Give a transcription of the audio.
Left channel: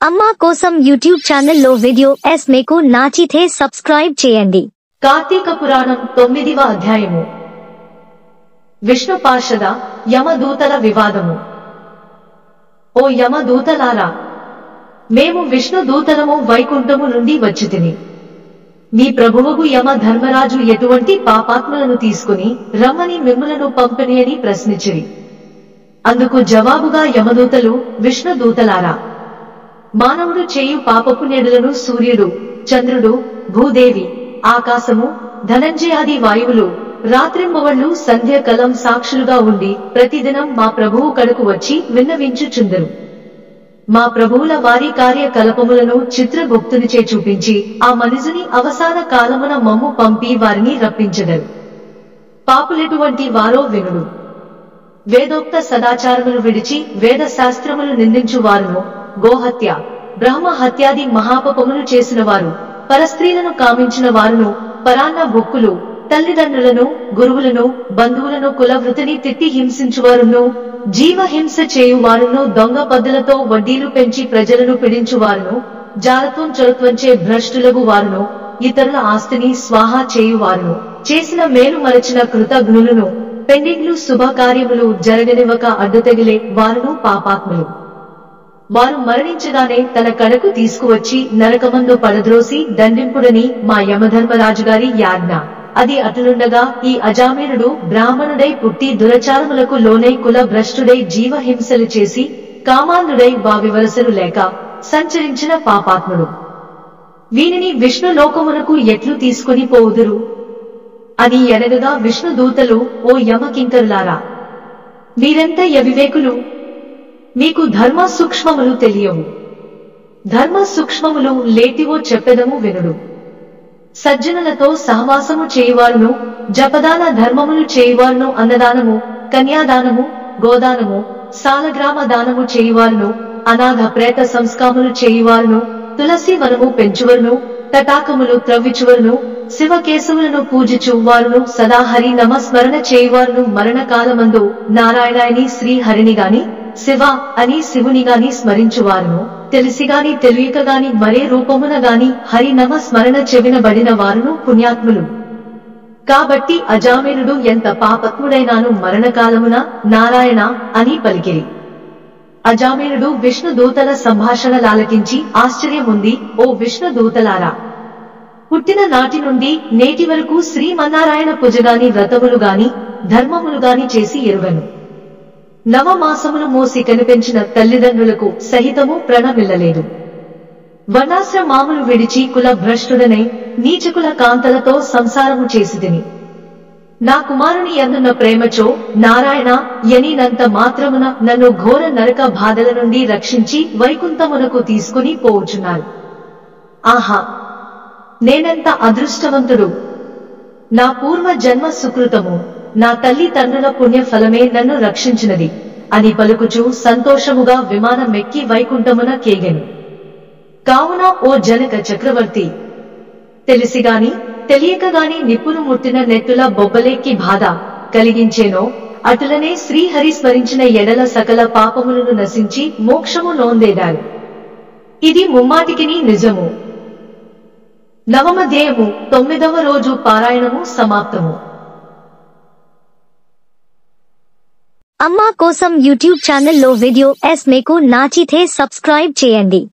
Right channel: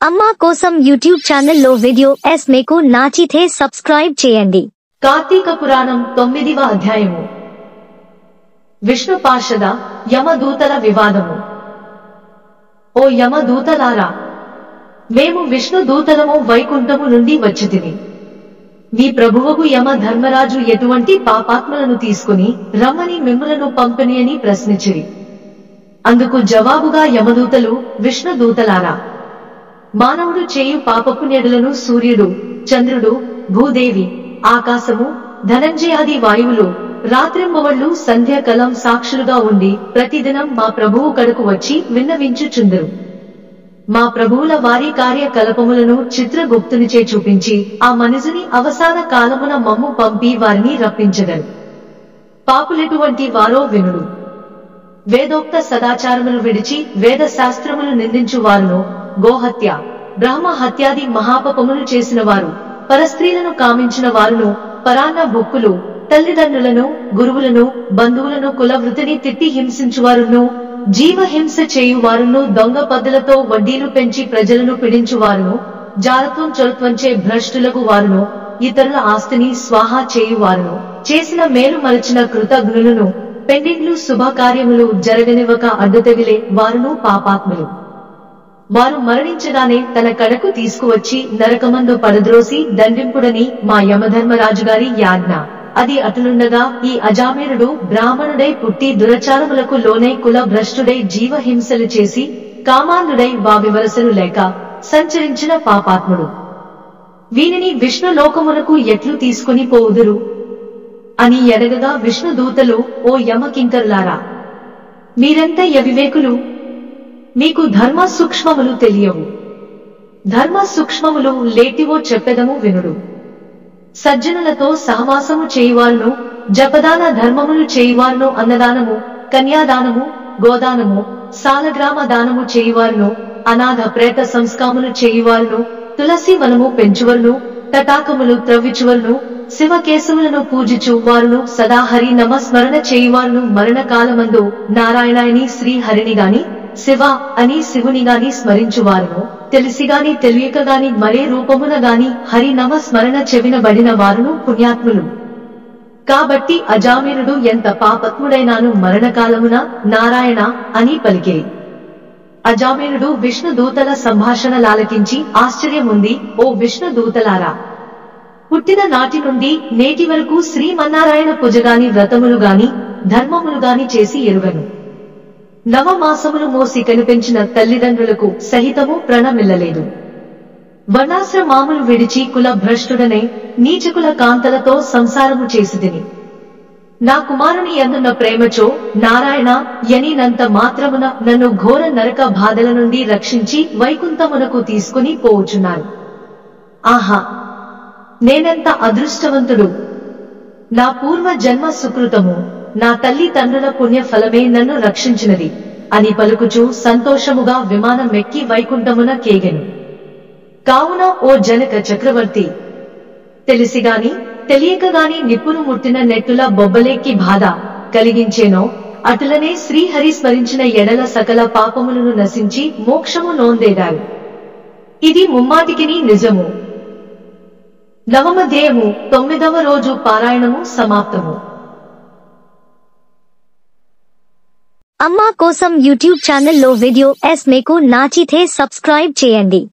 అమ్మా కోసం యూట్యూబ్ ఛానల్లో వీడియో మీకు నచ్చితే సబ్స్క్రైబ్ చేయండి. కార్తీక పురాణం 9వ అధ్యాయము. విష్ణు పార్షద యమదూతల వివాదము. ఓ యమదూతలారా, మేము విష్ణు దూతలము వైకుంఠము నుండి వచ్చితిమి. మీ ప్రభువగు యమ ధర్మరాజు ఎటువంటి పాపాత్మలను తీసుకుని రమ్మని మిమ్ములను పంపిని అని ప్రశ్నించిరి. అందుకు జవాబుగా యమదూతలు, విష్ణు దూతలారా, మానవుడు చేయు పాపపుణ్యులను సూర్యుడు, చంద్రుడు, భూదేవి, ఆకాశము, ధనంజయాది వాయువులు రాత్రింబవళ్లు సంధ్యాకలం సాక్షులుగా ఉండి ప్రతిదినం మా ప్రభువు కడకు వచ్చి విన్నవించుచుందరు. మా ప్రభువుల వారి కార్యకలాపములను చిత్రగుప్తునిచే చూపించి ఆ మనుజుని అవసాన కాలమున మమ్ము పంపి వారిని రప్పించెదరు. పాపులెటువంటి వారో వినుడు. వేదోక్త సదాచారములు విడిచి వేద శాస్త్రములు నిందించు వారును, గోహత్య, బ్రహ్మ హత్యాది మహాపపములు చేసిన వారు, పరస్త్రీలను కామించిన వారును, పరాన్న బుక్కులు, తల్లిదండ్రులను, గురువులను, బంధువులను కులవృతిని తిట్టి హింసించువారును, జీవహింస చేయువారును, దొంగ పద్దులతో వడ్డీలు పెంచి ప్రజలను పీడించువారును, జారత్వం చొరత్వంచే భ్రష్టులగు వారును, ఇతరుల ఆస్తిని స్వాహా చేయువారును, చేసిన మేలు మరచిన కృతజ్ఞులను, పెండింగ్లు శుభకార్యములు జరగనివ్వక అడ్డుతగిలే వారును పాపాత్ములు. వారు మరణించగానే తన కడకు తీసుకువచ్చి నరకమందు పడద్రోసి దండింపుడని మా యమధర్మరాజుగారి యాజ్ఞ. అది అటులుండగా ఈ అజామీనుడు బ్రాహ్మణుడై పుట్టి దురచారములకు లోనై కుల భ్రష్టుడై జీవహింసలు చేసి కామాంధుడై వావివరసలు లేక సంచరించిన పాపాత్ముడు. వీనిని విష్ణు లోకమునకు ఎట్లు తీసుకుని పోవుదురు అని ఎడగగా విష్ణు దూతలు, ఓ యమకింకరులారా, మీరెంత యవివేకులు! మీకు ధర్మ సూక్ష్మములు తెలియవు. ధర్మ సూక్ష్మములు లేటివో చెప్పెదము వినుడు. సజ్జనులతో సహవాసము చేయువారును, జపదాన ధర్మములు చేయువారును, అన్నదానము, కన్యాదానము, గోదానము, సాలగ్రామ దానము చేయువారును, అనాథ ప్రేత సంస్కాములు చేయువారును, తులసి వనము పెంచువరును, తటాకములు త్రవ్విచువరును, శివకేశవులను పూజించు వారును, సదా హరి నమ స్మరణ చేయువారును, మరణకాలమందు నారాయణాయని శ్రీహరిని గాని శివ అని శివుని గాని స్మరించువారును, తెలిసిగాని తెలియకగాని మరే రూపమున గాని హరి నమ స్మరణ చెవినబడిన వారును పుణ్యాత్ములు. కాబట్టి అజామీనుడు ఎంత పాపత్ముడైనాను మరణకాలమున నారాయణ అని పలికిరి. అజామీనుడు విష్ణు దూతల సంభాషణలాలకించి ఆశ్చర్యముంది. ఓ విష్ణు దూతలారా, పుట్టిన నాటి నుండి నేటి వరకు శ్రీమన్నారాయణ పూజగాని వ్రతములు గాని ధర్మములు గాని చేసి ఎరుగను. నవమాసములు మోసి కనిపించిన తల్లిదండ్రులకు సహితము ప్రణమిల్లలేదు. వర్ణాశ్రమాములు విడిచి కుల భ్రష్టుడనే నీచకుల కాంతలతో సంసారము చేసితిని. నా కుమారుని యందున్న ప్రేమచో నారాయణ యనినంత మాత్రమున నన్ను ఘోర నరక బాధల నుండి రక్షించి వైకుంఠమునకు తీసుకుని పోవుచున్నారు. ఆహా, నేనెంత అదృష్టవంతుడు! నా పూర్వ జన్మ సుకృతము, నా తల్లి తండ్రుల పుణ్య ఫలమే నన్ను రక్షించినది అని పలుకుచూ సంతోషముగా విమానమెక్కి వైకుంఠమున కేగెను. కావున ఓ జనక చక్రవర్తి, తెలిసిగాని తెలియకగాని నిప్పును ముట్టిన నెట్టుల బొబ్బలెక్కి బాధ కలిగించేనో అటులనే శ్రీహరి స్మరించిన ఎడల సకల పాపములను నశించి మోక్షము నొందేదారు. ఇది ముమ్మాటికిని నిజము. నవమధ్యాయము 9వ రోజు పారాయణము సమాప్తము. అమ్మా కోసం యూట్యూబ్ ఛానల్లో వీడియో మీకు నచ్చితే సబ్స్క్రైబ్ చేయండి.